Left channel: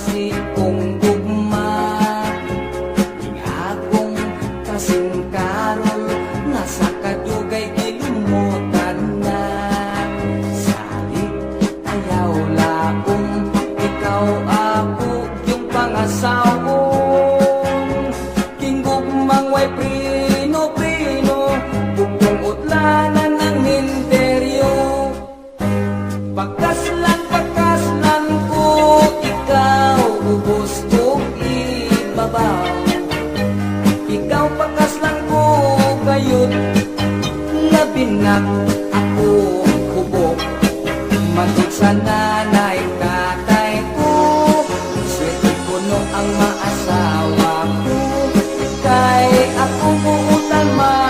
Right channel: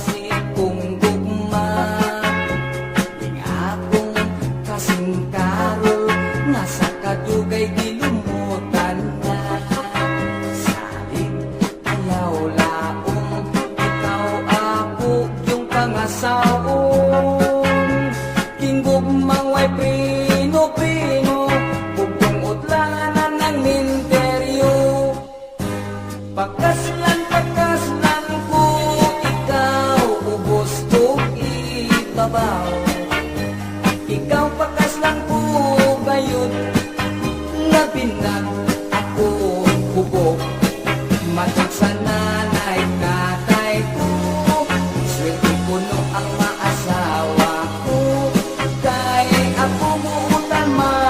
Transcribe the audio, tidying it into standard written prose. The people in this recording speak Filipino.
si kong gugma, ing akong kasing karol nga sa kadugay gilumutan na. Salig ayaw laom, ikaw ako yung pangasawon. King gugmang way prino-prino, bugtong utlanan ang minteryo. Pagkaslan ko, ikaw ubos ug ibabaw. Ikaw pagkaslan ko gayud, labinag ako hubog. Matod sa nanay tatay ko, swerte puno ang maasawa.